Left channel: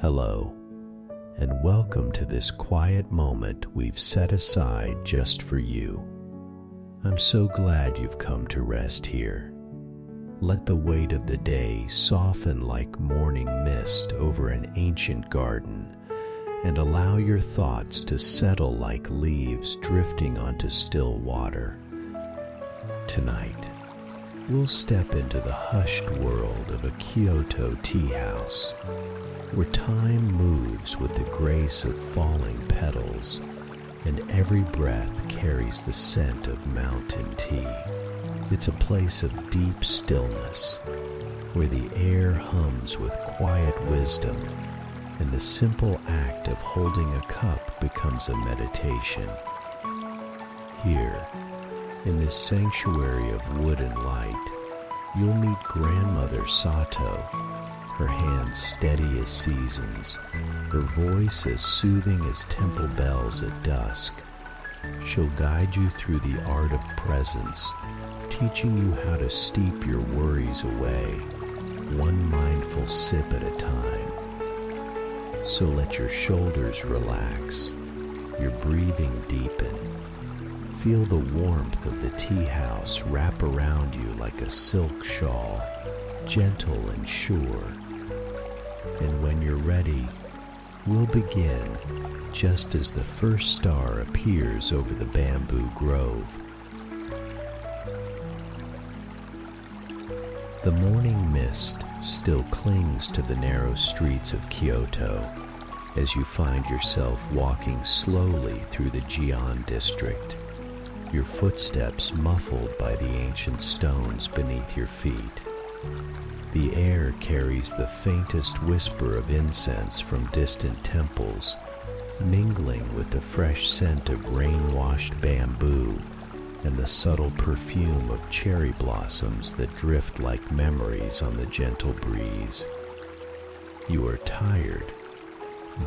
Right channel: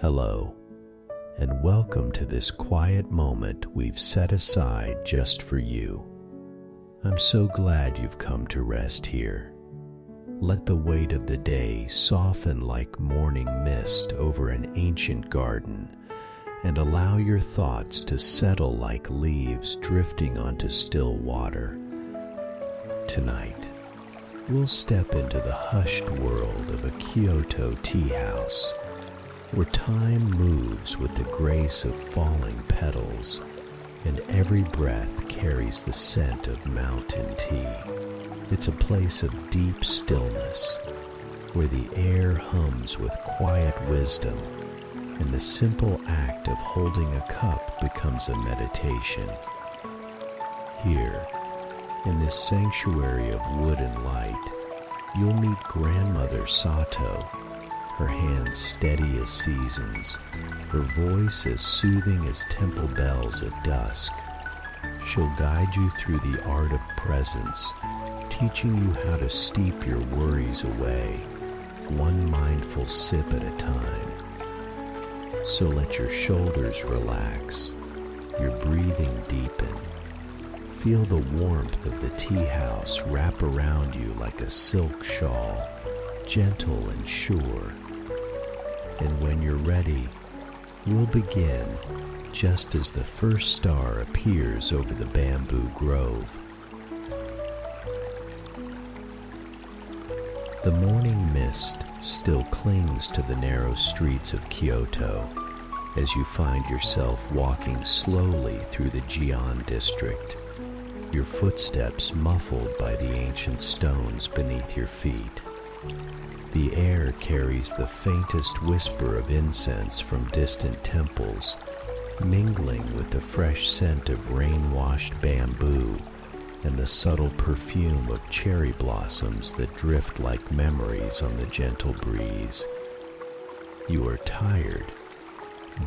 Hello, and welcome to this quiet moment we've set aside just for you. I'm so glad you've come to rest here. Let the weight of the day soften like morning mist over an ancient garden, and allow your thoughts to settle like leaves drifting onto still water. Tonight, we'll step into the hushed world of a Kyoto tea house, where time moves with the grace of falling petals, and every breath carries the scent of mountain tea. It's a place of deep stillness, where the air hums with quiet wisdom, and the simple act of holding a cup becomes a meditation. Here, in this sanctuary of wood and light, you'll meet Grandmother Sato, her hands steady as seasons, her voice as soothing as temple bells at dusk. She'll guide you through the art of presence, teaching you how to steep your worries away, one mindful sip at a time. So let your shoulders relax, your breathing deepen. Feel the warmth of the tea house wrap around you like a silk shawl, gentle and sure. And when you're ready, we'll begin just as the first star appears over the bamboo grove. The morning mist still clings to the narrow streets of Kyoto as you find yourself walking slowly through the Gion district, your footsteps muffled by the ancient stones beneath your feet. The air carries the faintest whisper of incense from distant temples, mingling with the fresh scent of rain-washed bamboo and the subtle perfume of cherry blossoms that drift like memories on the gentle breeze. You are tired,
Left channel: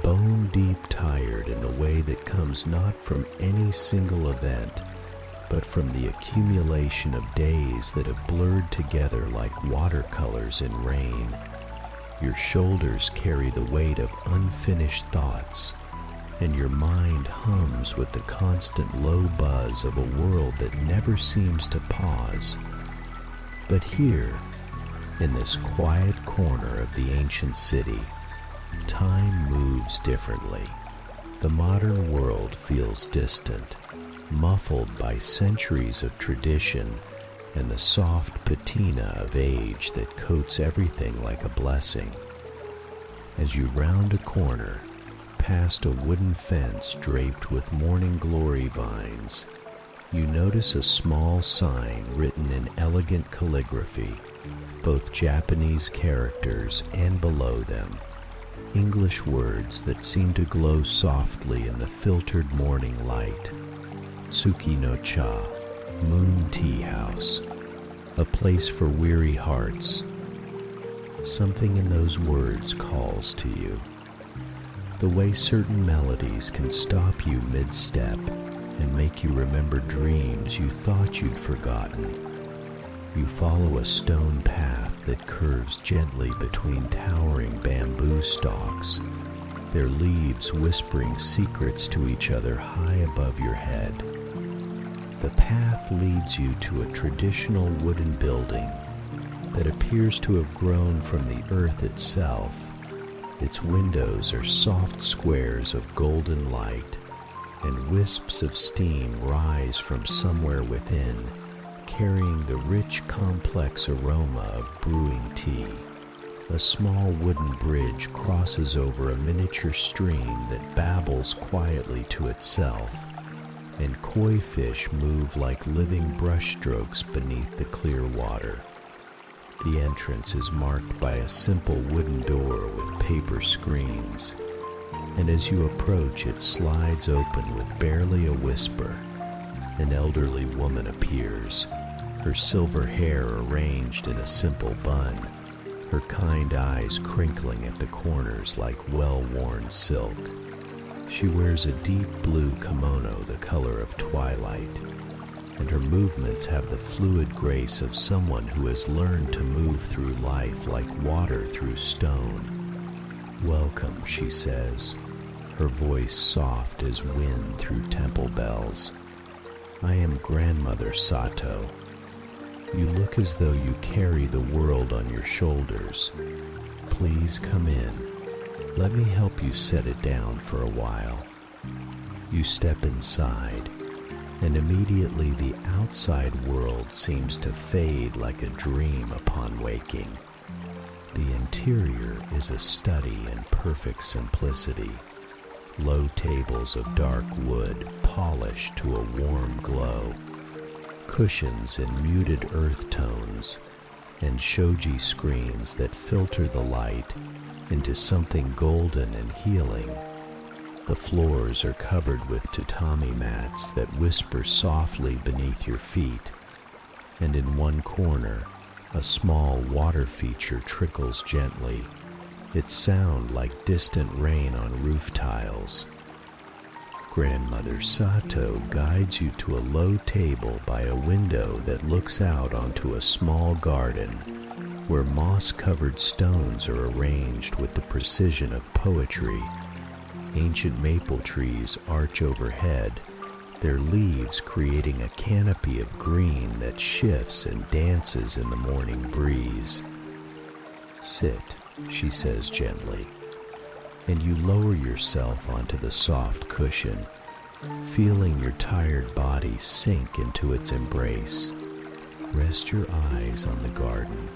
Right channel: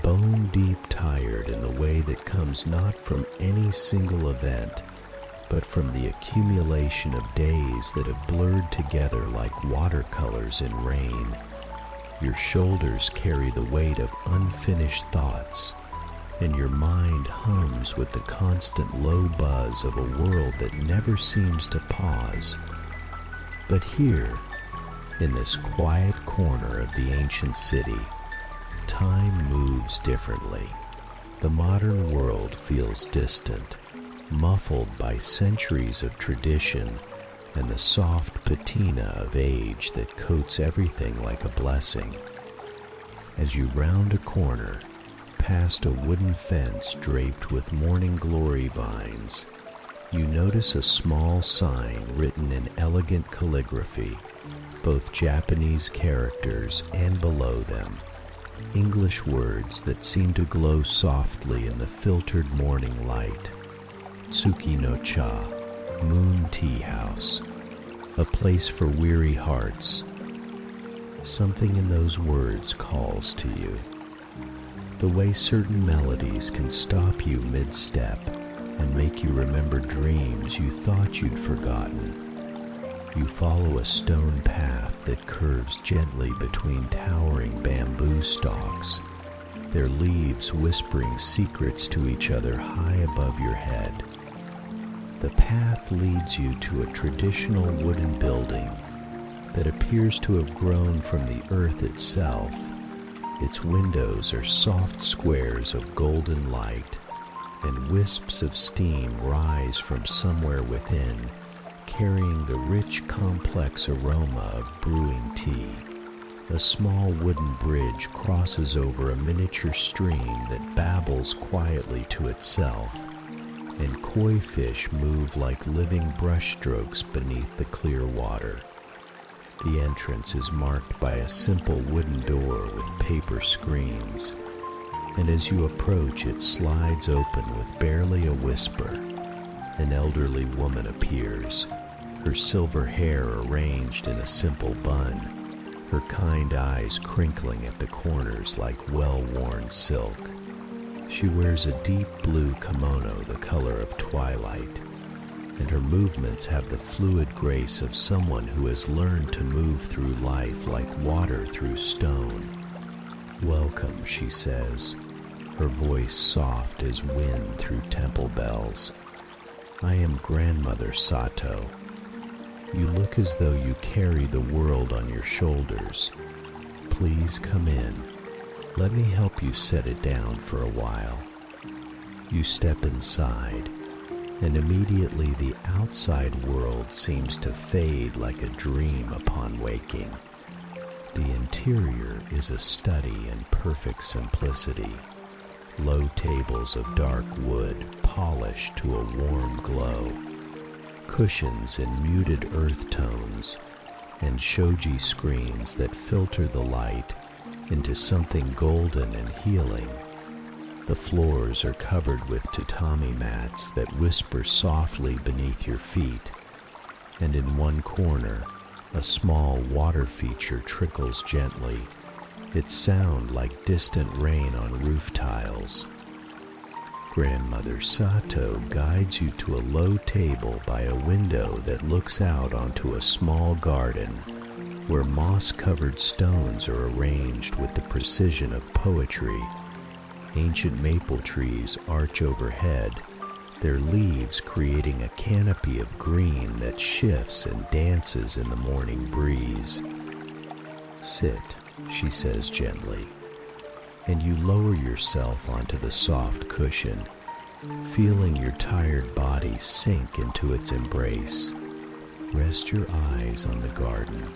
bone-deep tired in the way that comes not from any single event, but from the accumulation of days that have blurred together like watercolors in rain. Your shoulders carry the weight of unfinished thoughts, and your mind hums with the constant low buzz of a world that never seems to pause. But here, in this quiet corner of the ancient city, time moves differently. The modern world feels distant, muffled by centuries of tradition and the soft patina of age that coats everything like a blessing. As you round a corner, past a wooden fence draped with morning glory vines, you notice a small sign written in elegant calligraphy, both Japanese characters and below them, English words that seem to glow softly in the filtered morning light. Tsuki no cha, Moon Tea House, a place for weary hearts. Something in those words calls to you. The way certain melodies can stop you mid-step and make you remember dreams you thought you'd forgotten. You follow a stone path that curves gently between towering bamboo stalks, their leaves whispering secrets to each other high above your head. The path leads you to a traditional wooden building that appears to have grown from the earth itself. Its windows are soft squares of golden light, and wisps of steam rise from somewhere within, carrying the rich, complex aroma of brewing tea. A small wooden bridge crosses over a miniature stream that babbles quietly to itself, and koi fish move like living brushstrokes beneath the clear water. The entrance is marked by a simple wooden door with paper screens, and as you approach it slides open with barely a whisper. An elderly woman appears, her silver hair arranged in a simple bun, her kind eyes crinkling at the corners like well-worn silk. She wears a deep blue kimono the color of twilight, and her movements have the fluid grace of someone who has learned to move through life like water through stone, "Welcome," she says, her voice soft as wind through temple bells. "I am Grandmother Sato. You look as though you carry the world on your shoulders. Please come in. Let me help you set it down for a while." You step inside, and immediately the outside world seems to fade like a dream upon waking. The interior is a study in perfect simplicity. Low tables of dark wood polished to a warm glow, cushions in muted earth tones, and shoji screens that filter the light into something golden and healing. The floors are covered with tatami mats that whisper softly beneath your feet, and in one corner, a small water feature trickles gently, its sound like distant rain on roof tiles. Grandmother Sato guides you to a low table by a window that looks out onto a small garden where moss-covered stones are arranged with the precision of poetry. Ancient maple trees arch overhead, their leaves creating a canopy of green that shifts and dances in the morning breeze. "Sit," she says gently, and you lower yourself onto the soft cushion, feeling your tired body sink into its embrace. Rest your eyes on the garden.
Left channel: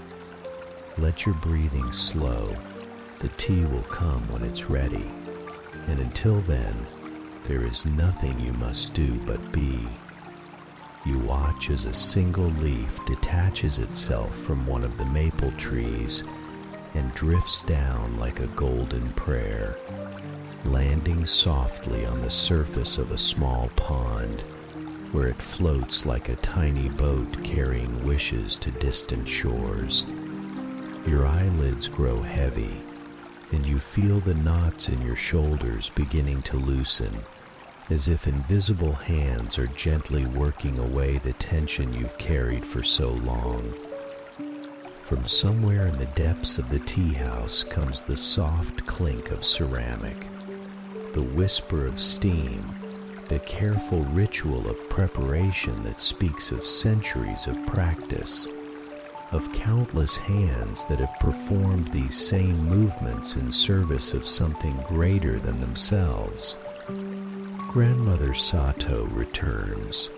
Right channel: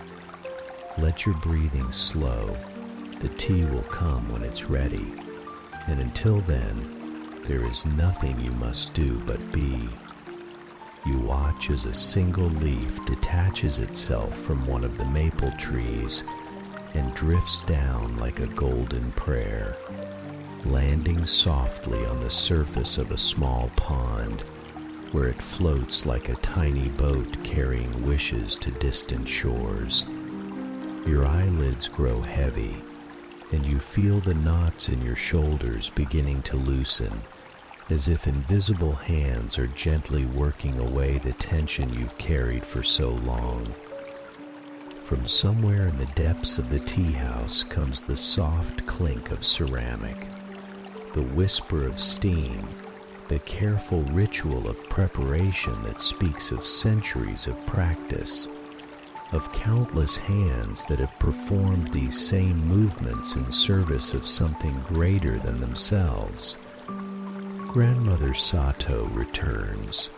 Let your breathing slow. The tea will come when it's ready, and until then, there is nothing you must do but be. You watch as a single leaf detaches itself from one of the maple trees and drifts down like a golden prayer, landing softly on the surface of a small pond, where it floats like a tiny boat carrying wishes to distant shores. Your eyelids grow heavy, and you feel the knots in your shoulders beginning to loosen, as if invisible hands are gently working away the tension you've carried for so long. From somewhere in the depths of the tea house comes the soft clink of ceramic, the whisper of steam, the careful ritual of preparation that speaks of centuries of practice, of countless hands that have performed these same movements in service of something greater than themselves. Grandmother Sato returns,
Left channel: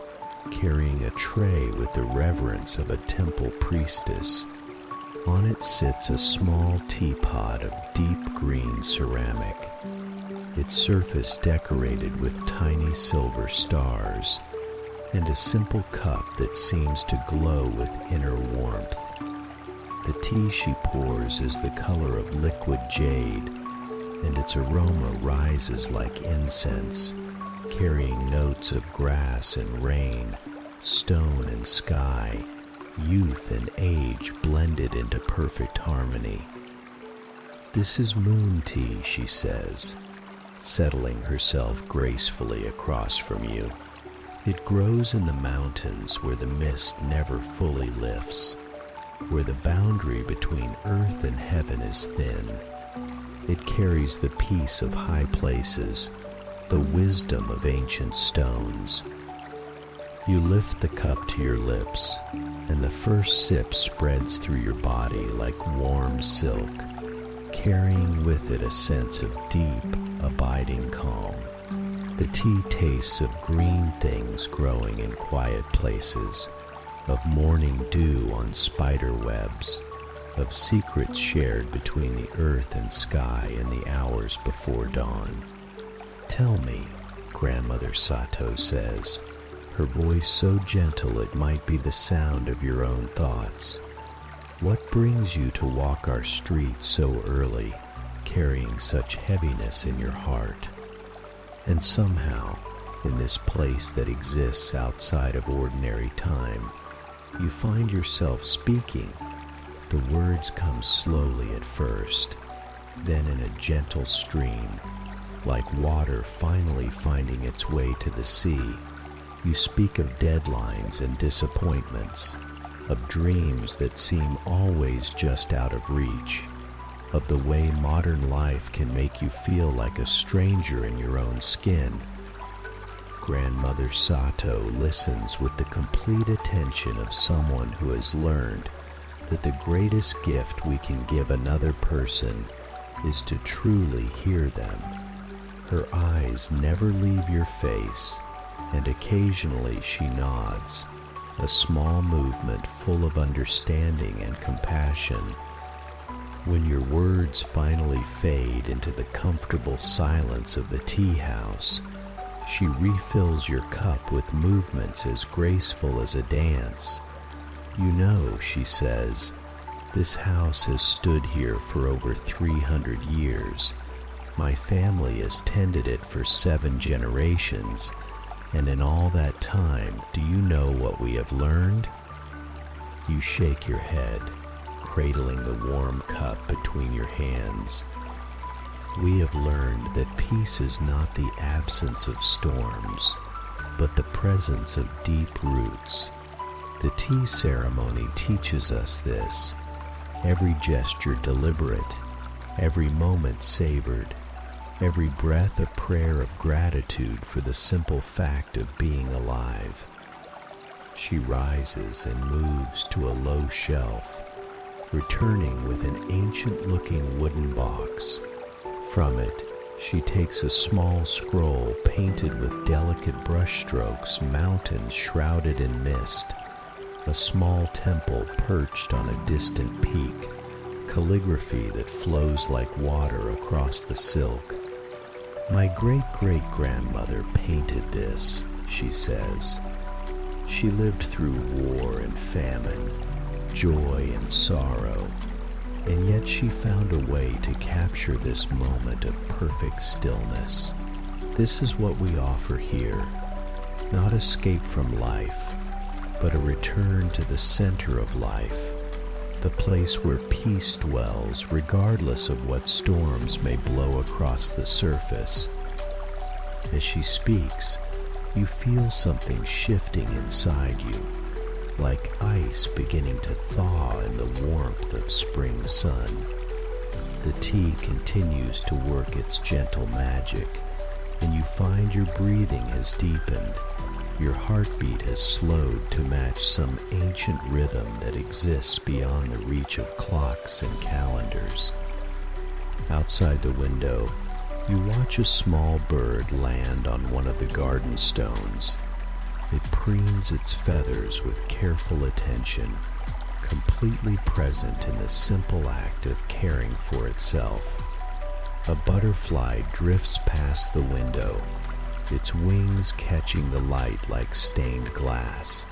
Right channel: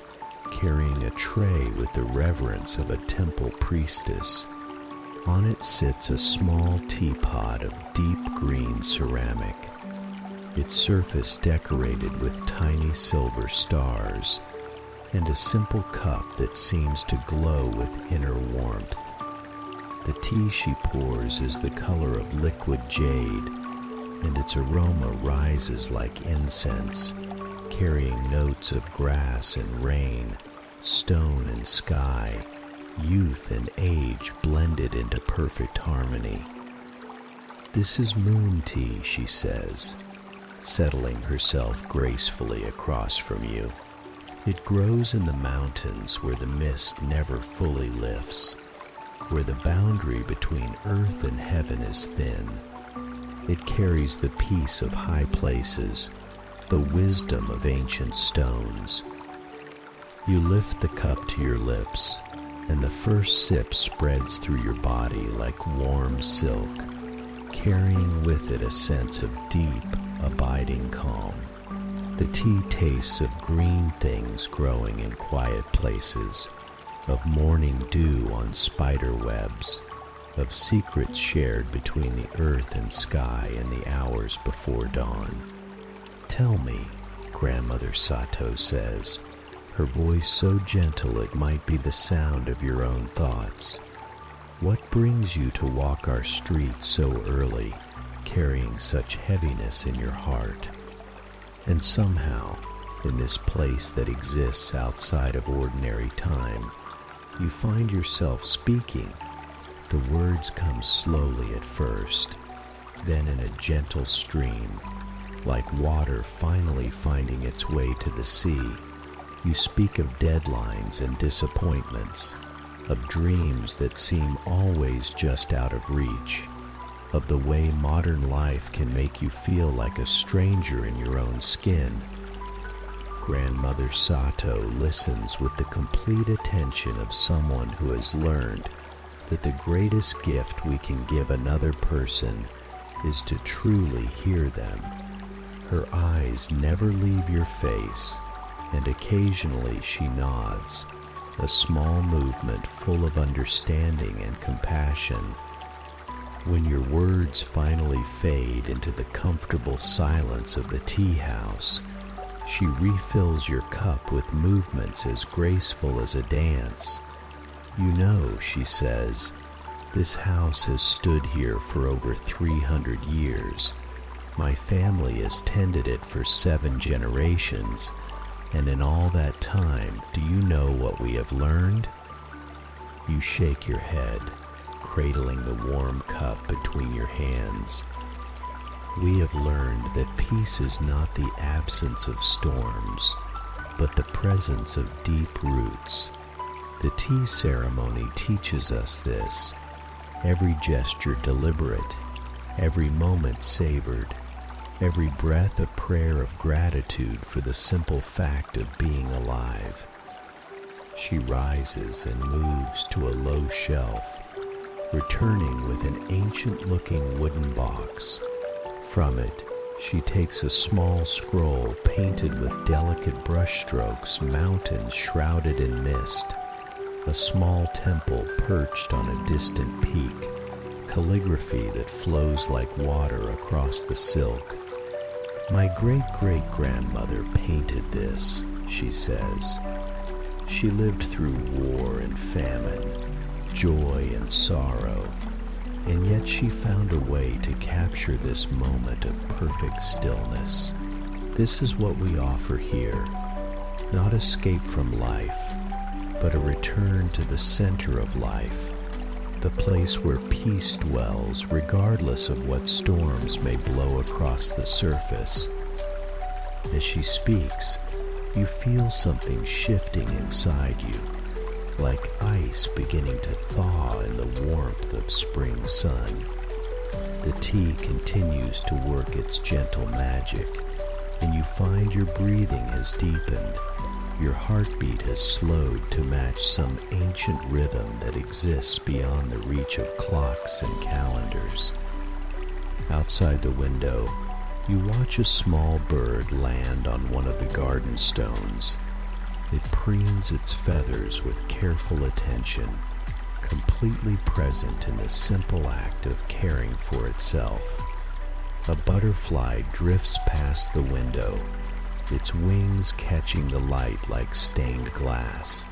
carrying a tray with the reverence of a temple priestess. On it sits a small teapot of deep green ceramic, its surface decorated with tiny silver stars, and a simple cup that seems to glow with inner warmth. The tea she pours is the color of liquid jade, and its aroma rises like incense, carrying notes of grass and rain, stone and sky, youth and age blended into perfect harmony. "This is moon tea," she says, settling herself gracefully across from you. "It grows in the mountains where the mist never fully lifts, where the boundary between earth and heaven is thin. It carries the peace of high places, the wisdom of ancient stones." You lift the cup to your lips, and the first sip spreads through your body like warm silk, carrying with it a sense of deep, abiding calm. The tea tastes of green things growing in quiet places, of morning dew on spider webs, of secrets shared between the earth and sky in the hours before dawn. "Tell me," Grandmother Sato says, her voice so gentle it might be the sound of your own thoughts, "what brings you to walk our streets so early, carrying such heaviness in your heart? And somehow, in this place that exists outside of ordinary time, you find yourself speaking. The words come slowly at first, then in a gentle stream, like water finally finding its way to the sea. You speak of deadlines and disappointments, of dreams that seem always just out of reach. of the way modern life can make you feel like a stranger in your own skin. Grandmother Sato listens with the complete attention of someone who has learned that the greatest gift we can give another person is to truly hear them. Her eyes never leave your face, and occasionally she nods, a small movement full of understanding and compassion. When your words finally fade into the comfortable silence of the tea house, she refills your cup with movements as graceful as a dance. "You know," she says, "this house has stood here for over 300 years. My family has tended it for 7 generations, and in all that time, do you know what we have learned?" You shake your head, cradling the warm cup between your hands. "We have learned that peace is not the absence of storms, but the presence of deep roots. The tea ceremony teaches us this, every gesture deliberate, every moment savored, every breath a prayer of gratitude for the simple fact of being alive." She rises and moves to a low shelf, returning with an ancient-looking wooden box. From it, she takes a small scroll painted with delicate brushstrokes, mountains shrouded in mist, a small temple perched on a distant peak, calligraphy that flows like water across the silk. "My great-great-grandmother painted this," she says. "She lived through war and famine, joy and sorrow, and yet she found a way to capture this moment of perfect stillness. This is what we offer here, not escape from life, but a return to the center of life, the place where peace dwells regardless of what storms may blow across the surface." As she speaks, you feel something shifting inside you, like ice beginning to thaw in the warmth of spring sun. The tea continues to work its gentle magic, and you find your breathing has deepened, your heartbeat has slowed to match some ancient rhythm that exists beyond the reach of clocks and calendars. Outside the window, you watch a small bird land on one of the garden stones. It preens its feathers with careful attention, completely present in the simple act of caring for itself. A butterfly drifts past the window, its wings catching the light like stained glass,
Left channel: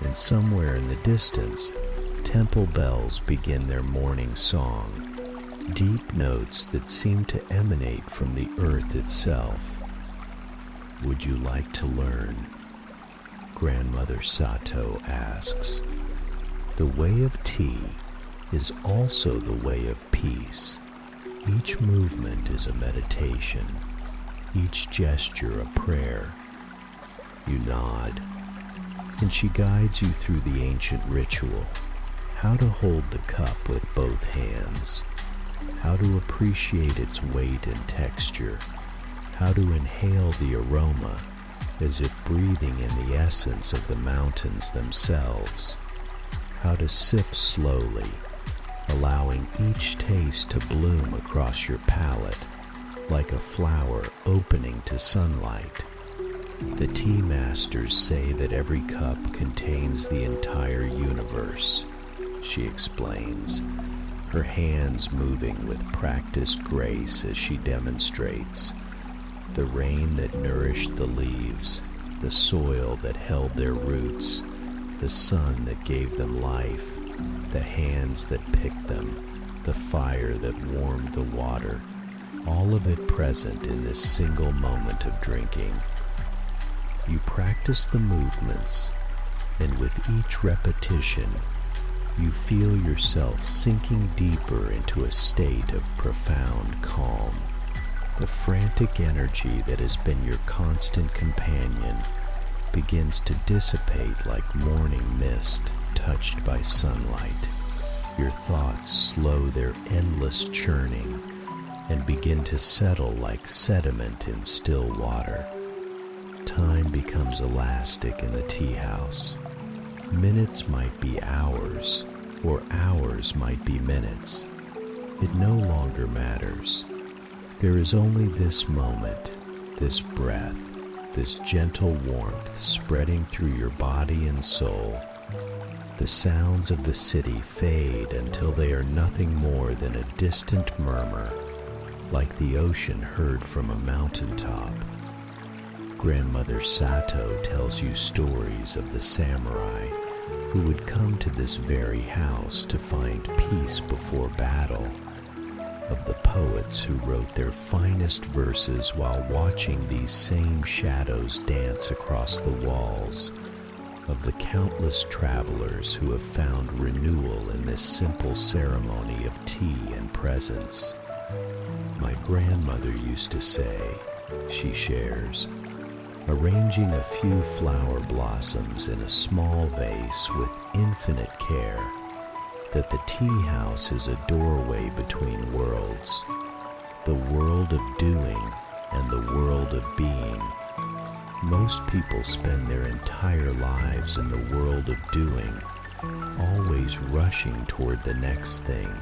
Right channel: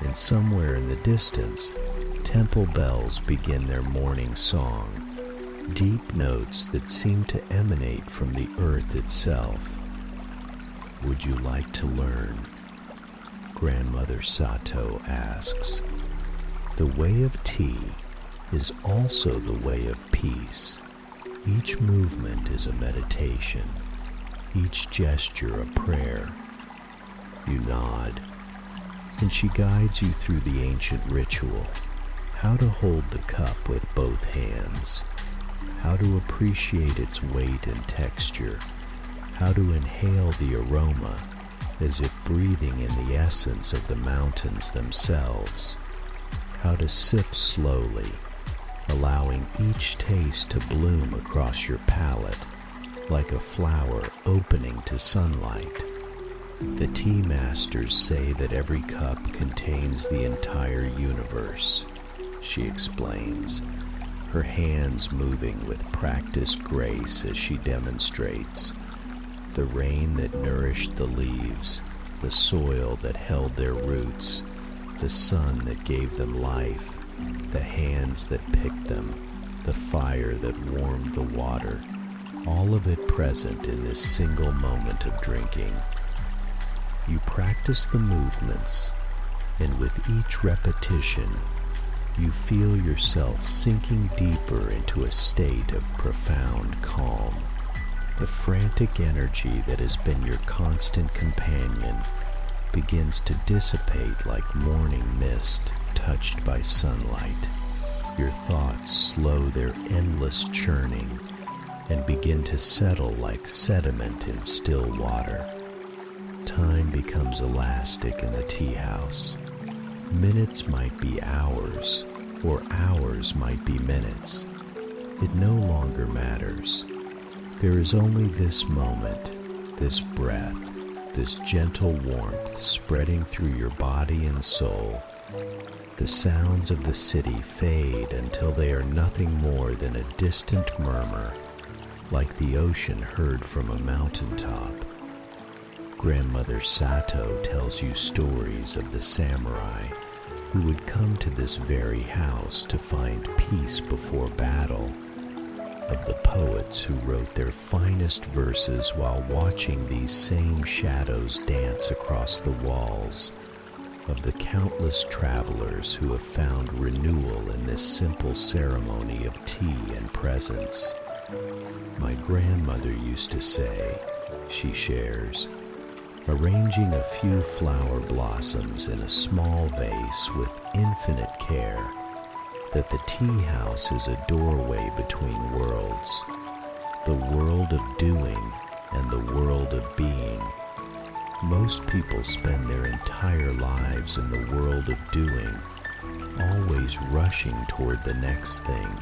and somewhere in the distance, temple bells begin their morning song, deep notes that seem to emanate from the earth itself. "Would you like to learn?" Grandmother Sato asks. The way of tea is also the way of peace. Each movement is a meditation, each gesture a prayer. You nod, and she guides you through the ancient ritual, how to hold the cup with both hands, how to appreciate its weight and texture, how to inhale the aroma as if breathing in the essence of the mountains themselves, how to sip slowly, allowing each taste to bloom across your palate like a flower opening to sunlight. The tea masters say that every cup contains the entire universe, she explains, her hands moving with practiced grace as she demonstrates. The rain that nourished the leaves, the soil that held their roots, the sun that gave them life, the hands that picked them, the fire that warmed the water, all of it present in this single moment of drinking. You practice the movements, and with each repetition, you feel yourself sinking deeper into a state of profound calm. The frantic energy that has been your constant companion begins to dissipate like morning mist touched by sunlight. Your thoughts slow their endless churning and begin to settle like sediment in still water. Time becomes elastic in the tea house. Minutes might be hours, or hours might be minutes. It no longer matters. There is only this moment, this breath, this gentle warmth spreading through your body and soul. The sounds of the city fade until they are nothing more than a distant murmur, like the ocean heard from a mountaintop. Grandmother Sato tells you stories of the samurai who would come to this very house to find peace before battle, of the poets who wrote their finest verses while watching these same shadows dance across the walls, of the countless travelers who have found renewal in this simple ceremony of tea and presence. My grandmother used to say, she shares, arranging a few flower blossoms in a small vase with infinite care, that the tea house is a doorway between worlds, the world of doing and the world of being. Most people spend their entire lives in the world of doing, always rushing toward the next thing,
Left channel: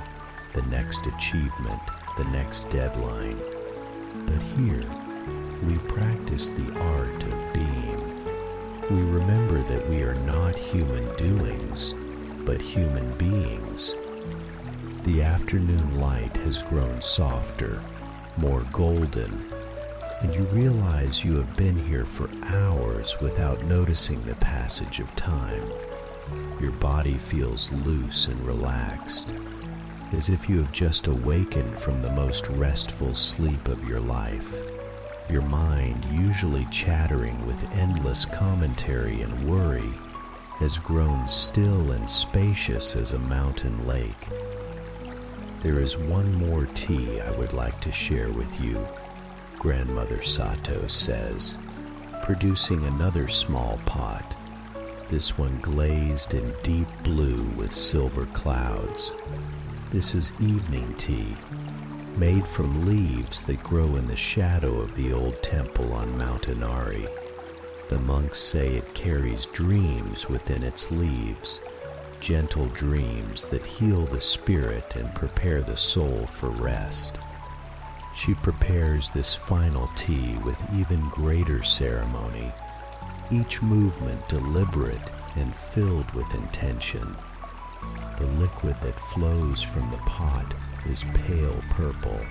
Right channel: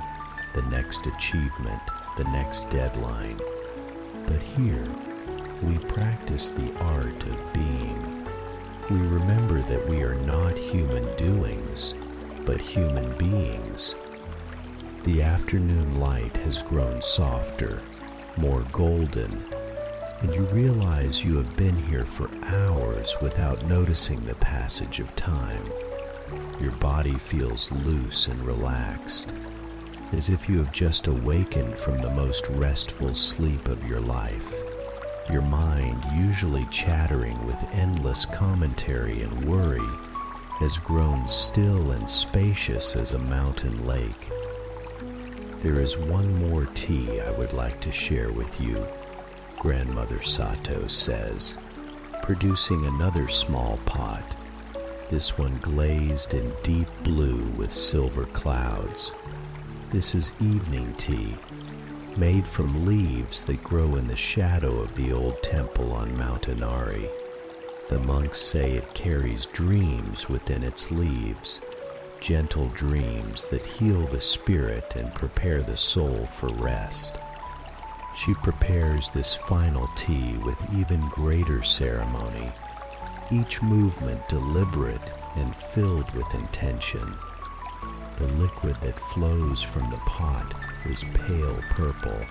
the next achievement, the next deadline. But here, we practice the art of being. We remember that we are not human doings, but human beings. The afternoon light has grown softer, more golden, and you realize you have been here for hours without noticing the passage of time. Your body feels loose and relaxed, as if you have just awakened from the most restful sleep of your life. Your mind, usually chattering with endless commentary and worry, has grown still and spacious as a mountain lake. There is one more tea I would like to share with you, Grandmother Sato says, producing another small pot, this one glazed in deep blue with silver clouds. This is evening tea, made from leaves that grow in the shadow of the old temple on Mount Inari. The monks say it carries dreams within its leaves, gentle dreams that heal the spirit and prepare the soul for rest. She prepares this final tea with even greater ceremony, each movement deliberate and filled with intention. The liquid that flows from the pot is pale purple,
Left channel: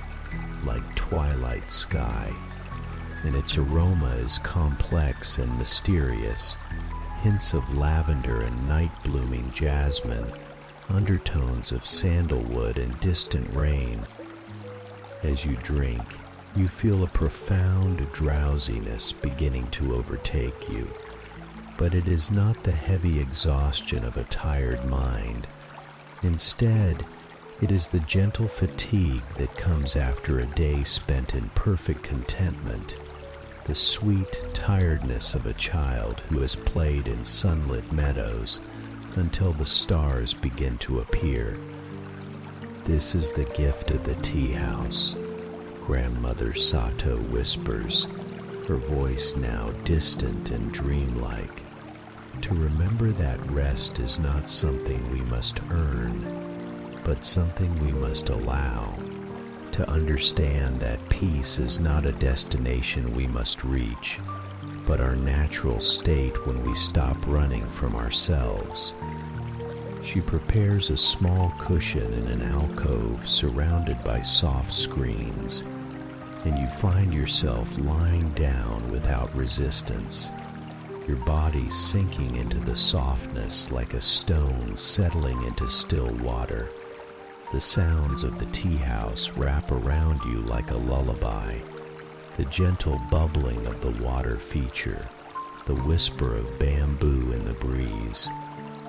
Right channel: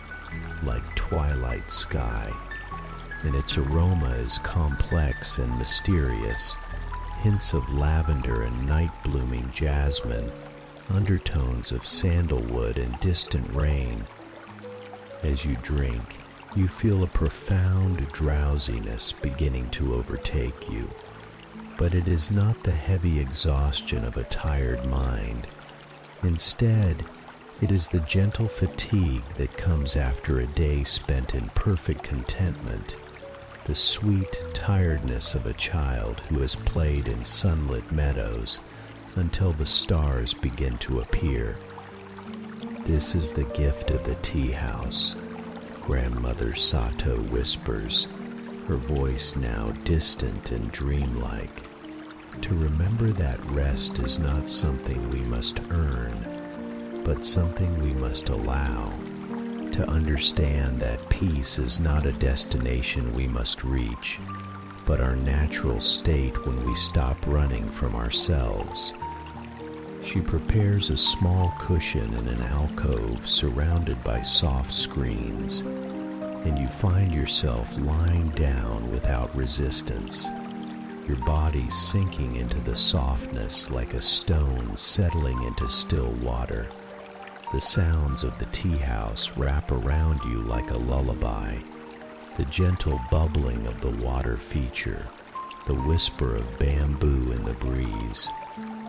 like twilight sky, and its aroma is complex and mysterious, hints of lavender and night-blooming jasmine, undertones of sandalwood and distant rain. As you drink, you feel a profound drowsiness beginning to overtake you, but it is not the heavy exhaustion of a tired mind. Instead, it is the gentle fatigue that comes after a day spent in perfect contentment, the sweet tiredness of a child who has played in sunlit meadows until the stars begin to appear. This is the gift of the tea house, Grandmother Sato whispers, her voice now distant and dreamlike. To remember that rest is not something we must earn, but something we must allow. To understand that peace is not a destination we must reach, but our natural state when we stop running from ourselves. She prepares a small cushion in an alcove surrounded by soft screens, and you find yourself lying down without resistance, your body sinking into the softness like a stone settling into still water. The sounds of the tea house wrap around you like a lullaby, the gentle bubbling of the water feature, the whisper of bamboo in the breeze,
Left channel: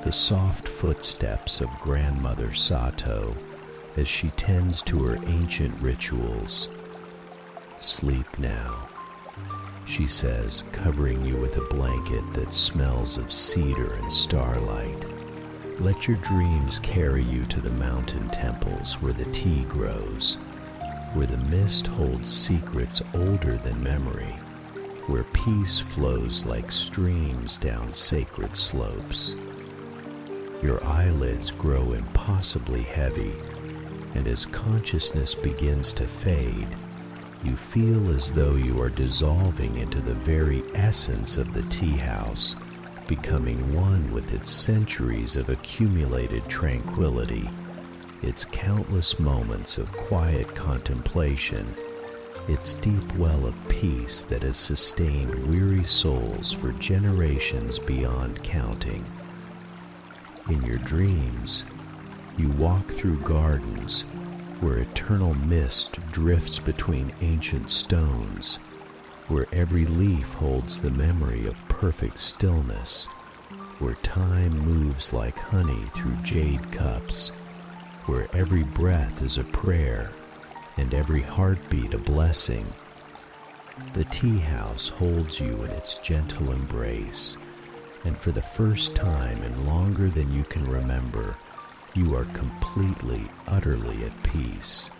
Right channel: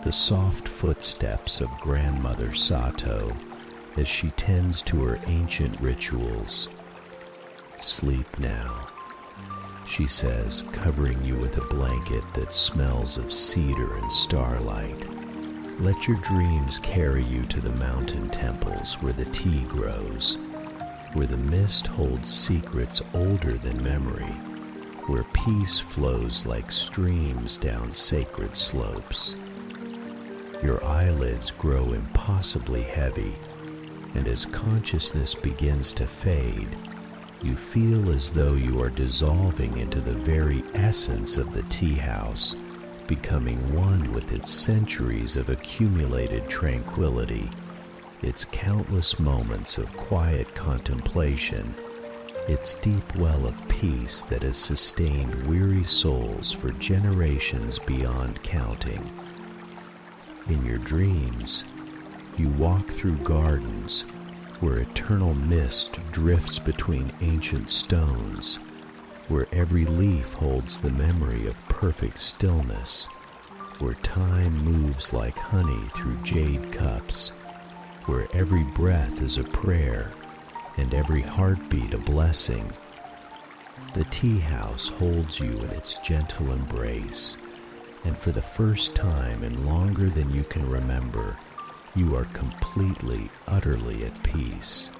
the soft footsteps of Grandmother Sato as she tends to her ancient rituals. Sleep now, she says, covering you with a blanket that smells of cedar and starlight. Let your dreams carry you to the mountain temples where the tea grows, where the mist holds secrets older than memory, where peace flows like streams down sacred slopes. Your eyelids grow impossibly heavy, and as consciousness begins to fade, you feel as though you are dissolving into the very essence of the tea house, becoming one with its centuries of accumulated tranquility, its countless moments of quiet contemplation, its deep well of peace that has sustained weary souls for generations beyond counting. In your dreams, you walk through gardens where eternal mist drifts between ancient stones, where every leaf holds the memory of perfect stillness, where time moves like honey through jade cups, where every breath is a prayer and every heartbeat a blessing. The tea house holds you in its gentle embrace, and for the first time in longer than you can remember, you are completely, utterly at peace.